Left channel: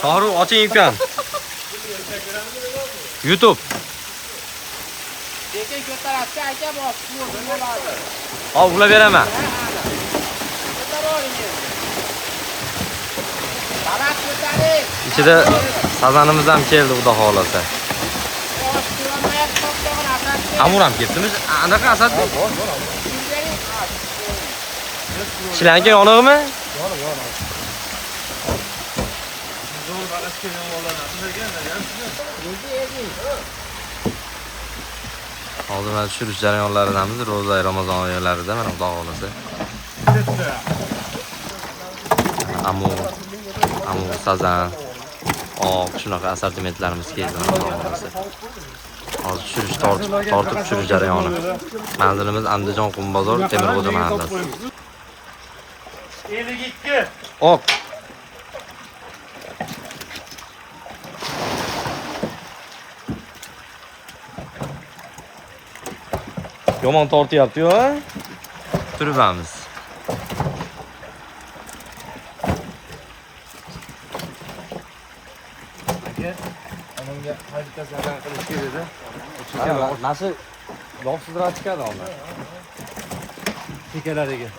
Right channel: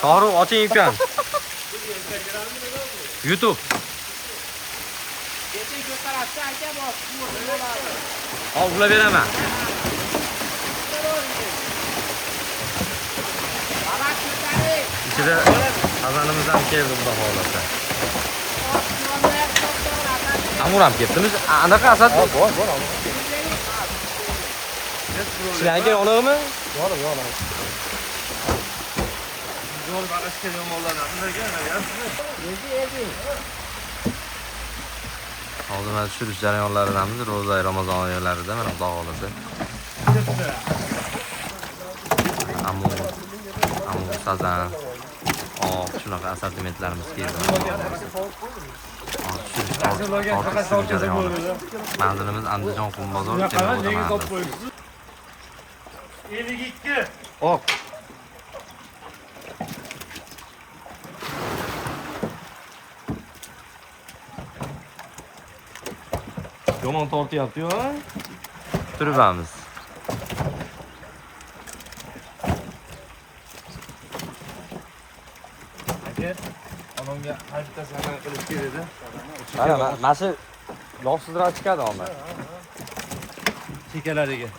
Shohrux oching ekan. YouTube. Hop, ulab beraman. İçide sazanımız ham keldi, xudo xolasa. Amur ham ketdimiz. Anaqa Asadbek. Sizlarga yonig'mi? Yo'l bag'ishga yomg'irlardan hozir mana tushirish jarayonlaridamiz. Ro'za Ramazon oylarida mana xudo xolasa. Amur sazan. Shunaqa assortimentlarimiz keldi mana xudo xolasa. Hozir tushirish tortib tushirish jarayoni. Manzilimiz Andijon Qum bozor Temirbo'da mahallasi. 52. Ok. Yomon tortyapti-yu, ha? Turibamiz. Aka, onamga hajitasi amal qilish kerak edi. Mana yog'sizroq chiqadi onlar. Chekalariga.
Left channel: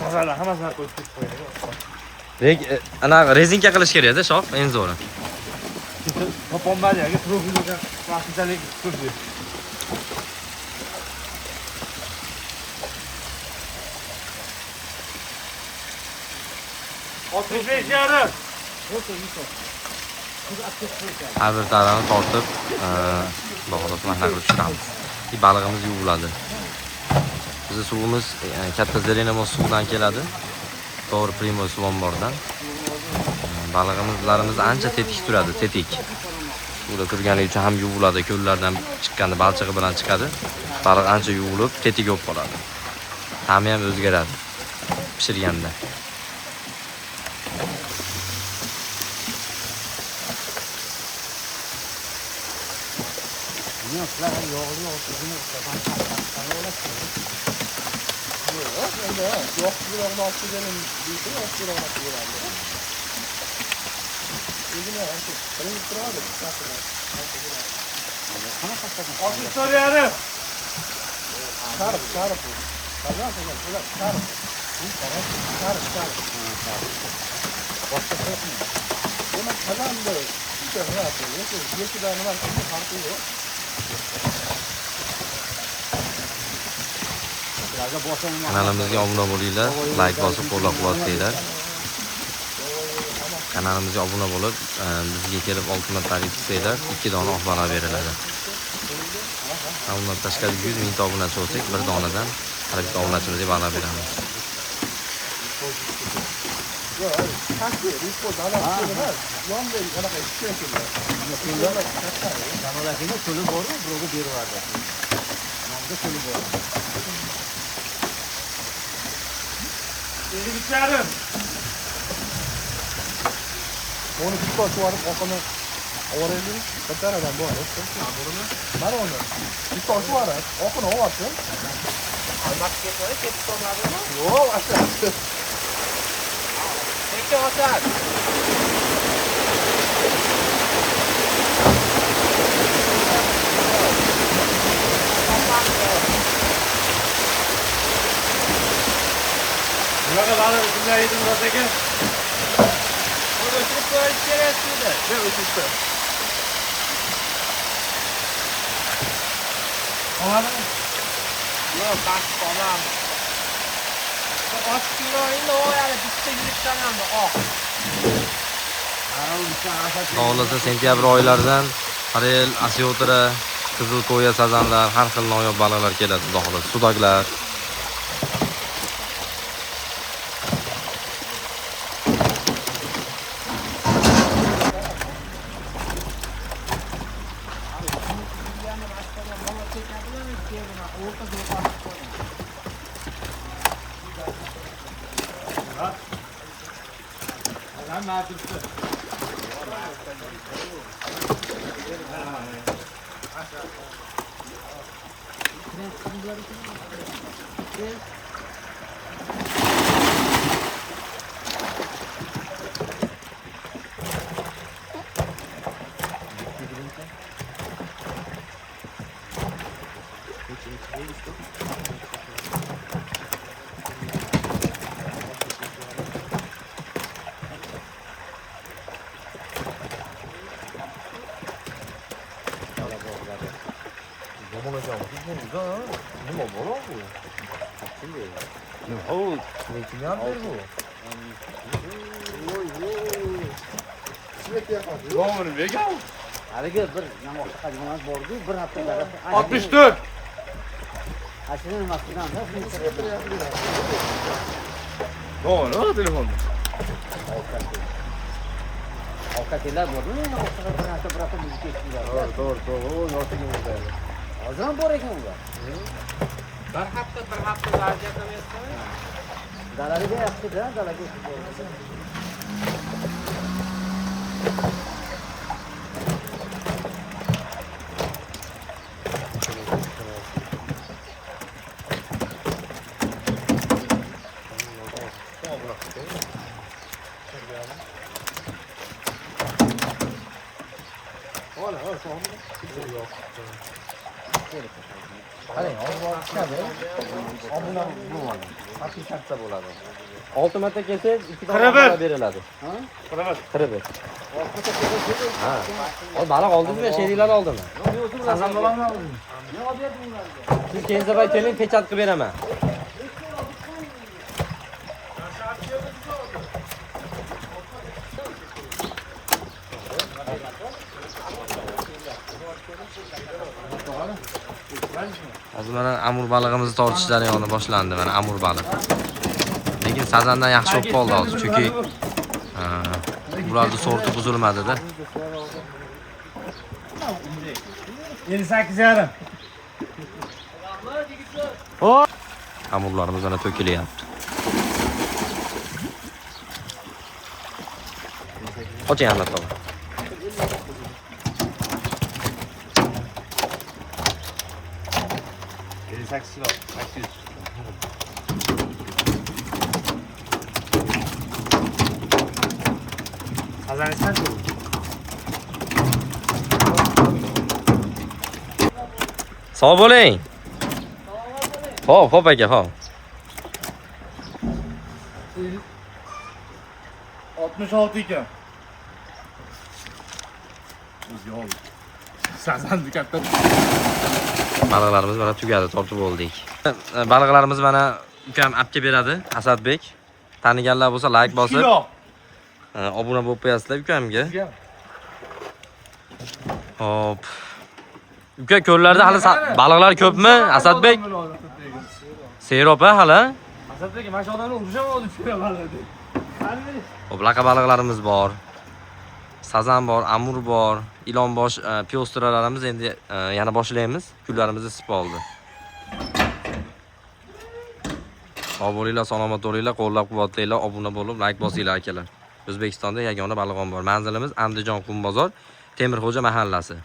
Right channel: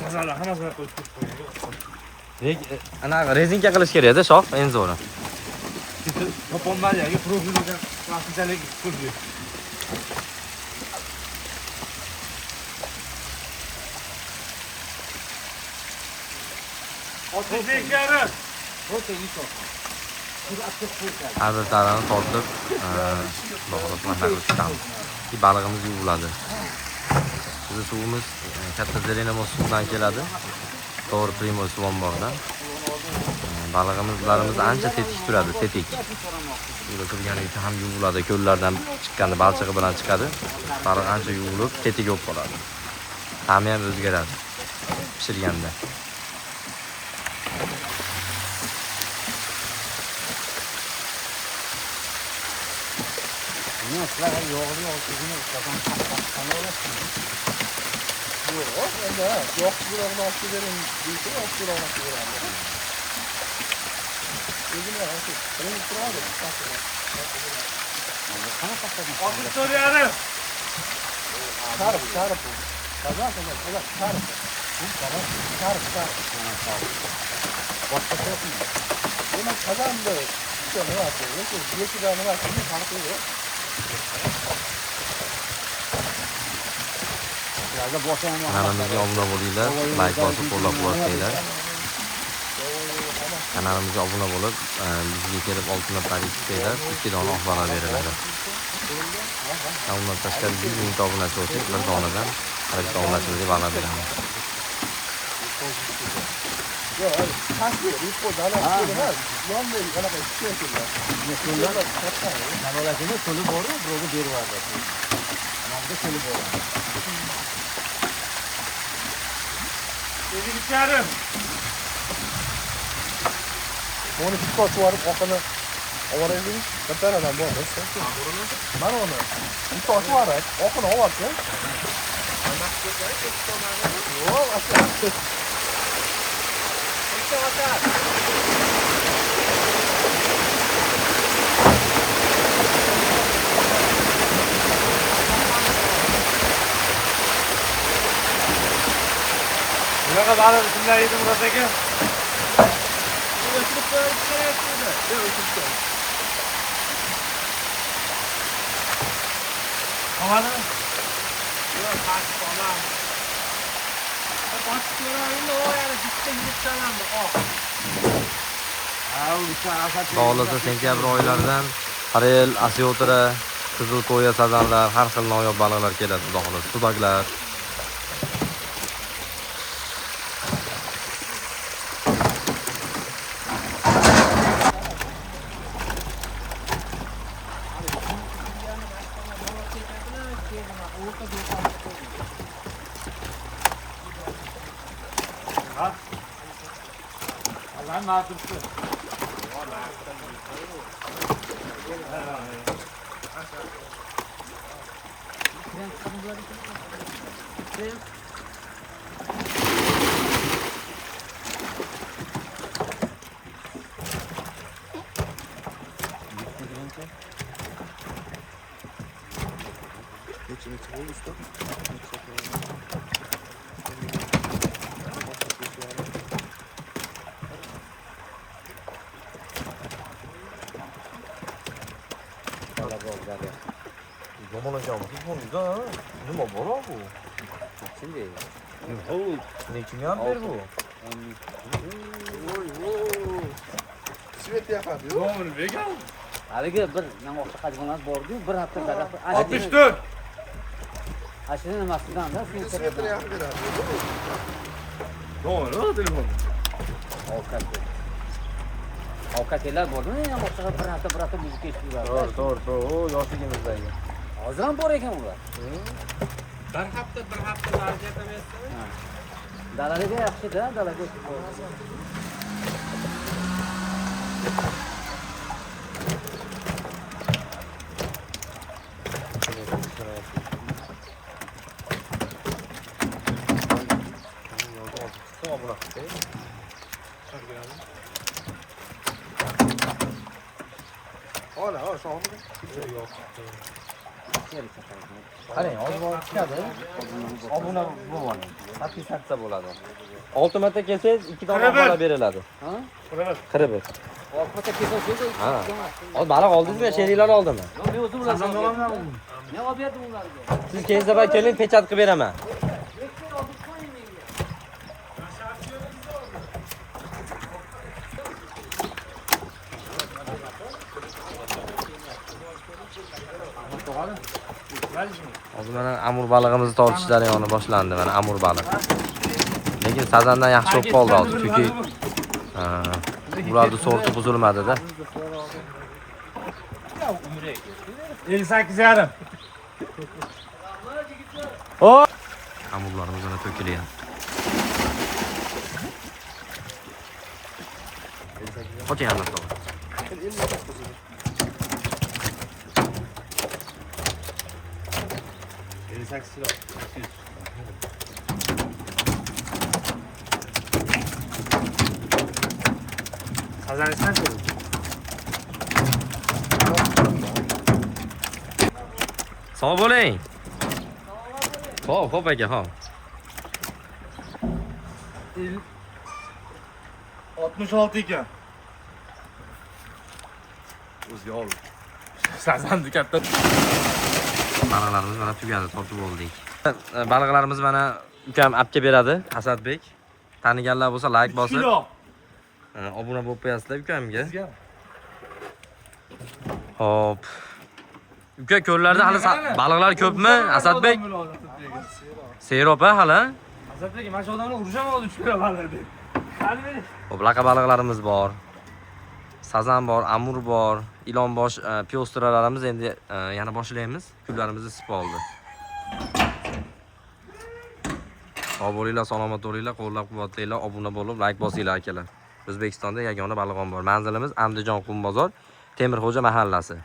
Sazanlar hammasini qo'yib qo'yadi. Ana rezinka qilish kerak-da, shoh, eng zo'ri. Topolmadiga profiliga vaqtinchalik turdi. Har bir tarafini tortib, bog'liq mahna qilib chiqamiz. Balig'imiz yuviladi. Bizning suvimiz katta Zelenamos suvdan keladi. To'g'ri Primoy suv ombordan. Balig'imizlarimiz ancha tetik turadi, tetik. Suvda turganligi uchun ham yuviladi, ko'llardan chiqqanda balchig'i bilan chiqadi. Baliq ancha yuvilib, tetik bo'lib qoladi. Ta'mi ham o'zgaradi pishirganda. Soruyorum. Kanalimizga obuna bo'linglar, like bosib qo'llab-quvvatlanglar. Kanalimizga obuna bo'lib, bizga kelib oltinlarni tutsanglar, 2 dona oq baliq beriladi. Undan tashqari 100 ming obunachi bo'lsak, bir donadan har bitta obunachimizga baliq beramiz. Dedi gidiyorum. Onu tuttu var bakana. Öğrendim. Kaptan adam bu. Burunu. Var mı? Tuttu var. Okun o var. O aşağı. Ne kadar kimler yedi buradaki? Anladın mı? Yok, başka olan. Başka oyunda o yani bitti sayılır. Xohlasa sentyabr oylaridan Harel, Asyotra, Qizil qo'ya sazanlar, har xil noyob baliqlar keladi, xudo xolasa, sudaklar. Lan ne yapıyorsun? 요만하게 하고 이거 누가 뭐라고? 어우, 미팅이 안 되고. Sivet yapar. Yoğun ne gel? Haligi bir nima qiladigan bordi, bir haftada. 64. Ashini nimasidan Sivetini yapıyor. Doğru, telefon. ovqatlar bo'ldimi? O'sha birata bizni kechirdilar. Doğru. O nasıl yemekler? Hozir bor ekan ular. Bir hafta zarga qilyapsan. Dalaga yaxshi-da, dalaga. Hala, şu an yok. haqiqatda bo'ladi. 6 marta kelsangiz 2 ta beriladi. Qirib. O baliq oldingizmi, sheriklarni oldimi? Sazandolarni oldim. Yo, berdim ularga. Siz keyinroq keling, pechat qilib beraman. Hozir mana amur balig'imizni tortish jarayoni boshlandi. Mana amur baliq. Lekin sazandan yaxshi bo'lib qoldi hozir, chunki ularning sorti buzilmadi-da. 58,5. Amurlarimiz mana to'kilyapti. Oching Ahmad baba. Qazanishdan ku. Sog' bo'ling. Hop aka, hop. 66 ekan. O'zga ol. Sazanni katta. Baliqlarimiz mana tugadi, tortib oldik. Baliqlarimiz mana ukam olib beradi, Asadbek. Taniganlar bo'lsa like bosib, obuna bo'lib qo'yasizlar ukamga. Hop. Uka, ko'llarda hali baliqlar ko'pmi, Asadbek? Serob hali. Asadbek, mana shu odamni urishaman hozir tushiraman dedi. Qani bering. Hop, laqa baliqlarimiz bor. Sazan bor, amur bor, ilonbosh, piostralarimiz endi yana boshlaymiz. Kunlarimizni isib oldi. Sog' bo'linglar, salomat bo'linglar, qo'llab-quvvatlanglar, obuna bo'lib, like bosinglar akalar. O'zbekistonda yagona baliq ombor. Manzilimiz Andijon Qum bozor, Temirxo'ja mahallasi.